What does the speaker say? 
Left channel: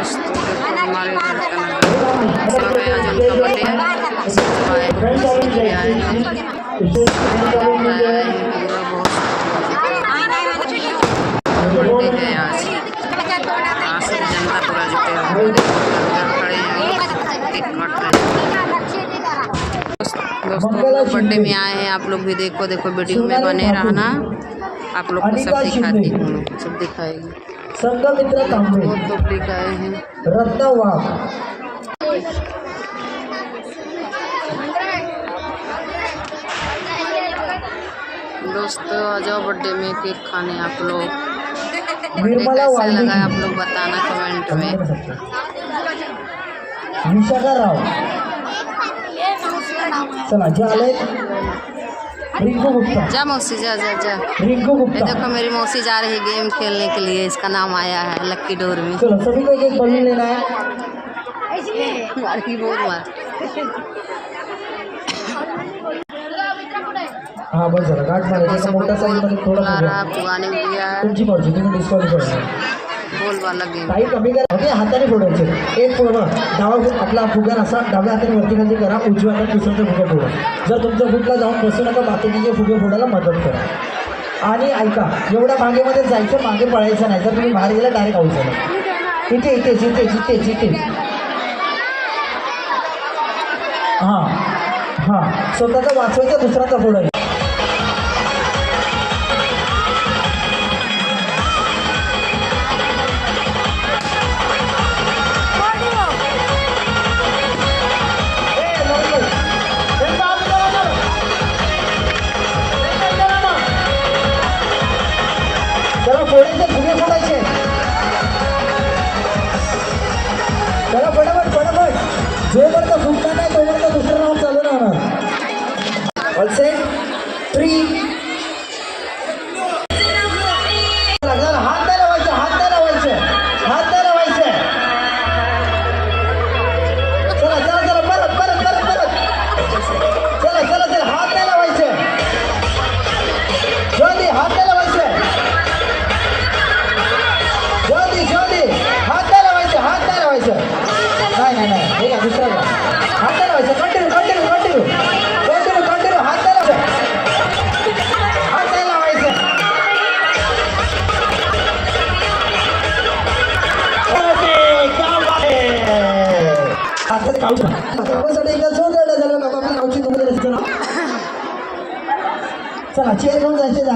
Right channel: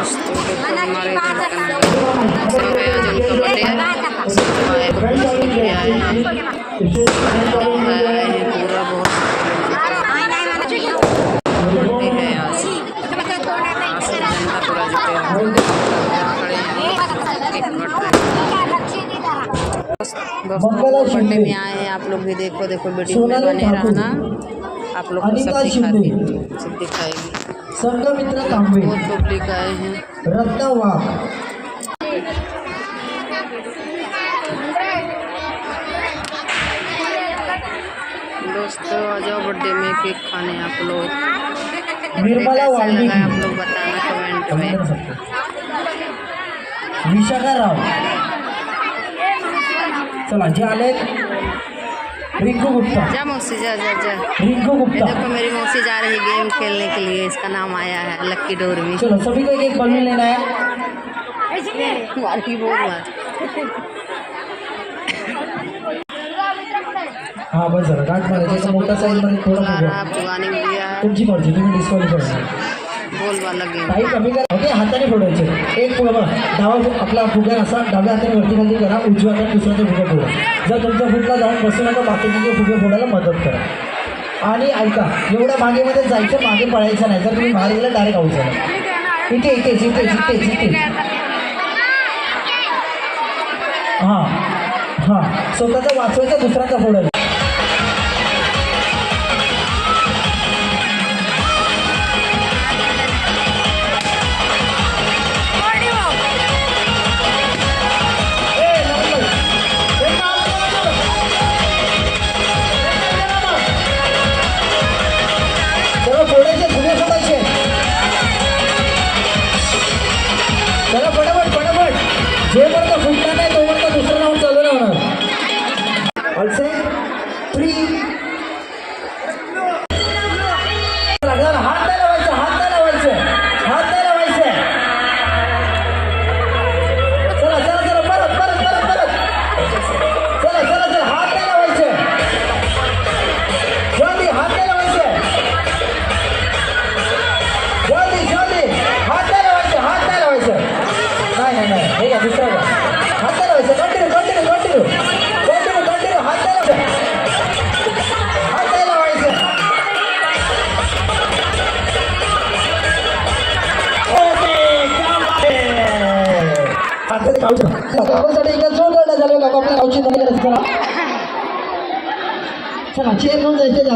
दोस्तों देखो हमारे इधर सब है, आज उनका बर्थडे है, सब आए भी आए हैं, पूरा बहुत बर्थडे है आज सब जनता पूरा जुटे हुए खड़े हैं, केक काट रहे हैं। दोस्तों बर्थडे में आए हैं, आप लोग भी देखो वीडियो में बने रहना, आप लोग को सब दिखाती हूँ, सब दिखाएगी। संघमित्र तांबे बहुत पब्लिक आए हैं। रत्न वाघ दोस्तों आ जाओ बर्थडे में केक खाने आप लोग। निर्मला कैसा वाल्मीकि लगा आप लोग बताना कमेंट में। विशाखा राव चला जे आले रिंकू गुप्ता जा मौसी जा जा जा। रिंकू ये गुप्ता देखो मेरी मौसी जा रही गेम खेलने के लिए, इसका नाम आया है लक्की डोरमी। चलो सभी को एक बलून लेना है। मारी बहुत मार। हाँ बस जरा गाठ मारायचं सब मोठा लोग साइज मध्ये बोल थोडा रहा पुराने दिया है, तुमची मर्जी तुम्ही डिस्काउंट करा बोल वाला गेम। काही कमी करा ओके हाताने फोडायचे एक फुगा बघा डावा आपला फुगा असा डाव्या हाताने वरती खाली करा उजव्या हाताने दुसऱ्याचा फुगा फोडा जर तुमच्या फुटला जाऊन बसू नका बाकीचे फुगे फोडायला मदत करा आणि ऐका एवढ्या मागेमध्ये जायचं मागे पळायचं नाही जर तुम्ही बाहेर गेला डायरेक्ट आऊट झाला इथे इथे जिथे जिथे जिथे हां हां स्वतःचा वाचवायचा दुसऱ्याचा फोडायचा चला फोडायचे फुगे फोडायचे चला फटाफट फटाफट जोपर्यंत फुटणार नाही तोपर्यंत दुसरं राऊंड चालू नाही होणार ऑल सेट 3 हात नाही लावायचे हात नाही लावायचे हात नाही लावायचे चला चला चला परत परत परत परत चला चला चला हात नाही लावायचे जल्दी हात नाही लावायचे जल्दी जल्दी हात नाही लावायचे हात नाही लावायचे नाही नाही नाही हे का दुसरा का हात नाही लावायचे continue continue continue continue continue हात नाही लावायचे हात नाही लावायचे हातात खाऊचा त्यासाठी एकदा जोर रडा झालं का आपण खाऊची नंतर चला चला चेअर घेऊन जायचे